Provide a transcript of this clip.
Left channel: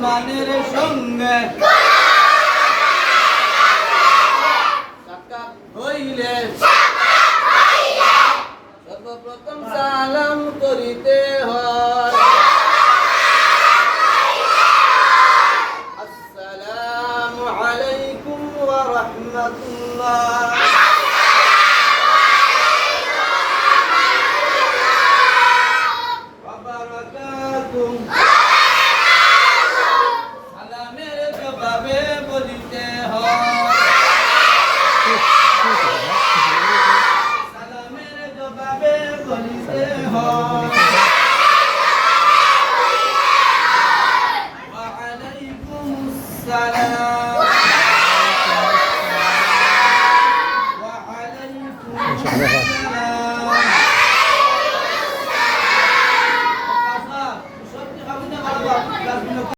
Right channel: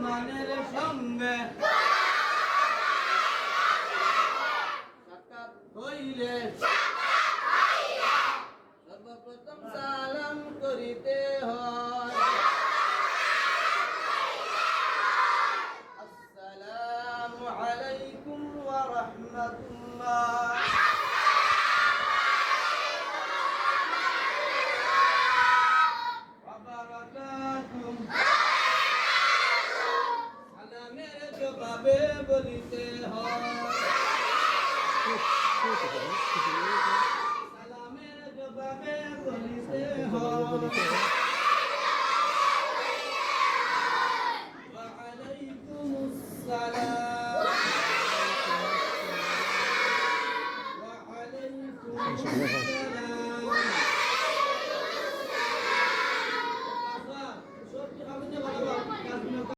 মুসলমানের সঙ্গে সাক্ষাৎ হইলে সর্বপ্রথম সালাম করিতে হয়। আসসালামু আলাইকুম ওয়া রাহমাতুল্লাহ। সালামের জবাবে বলিতে হয়, সালামের জবাবে বলিতে হয় ওয়া আলাইকুমুস সালাম ওয়া আলাইকুমুস সালাম।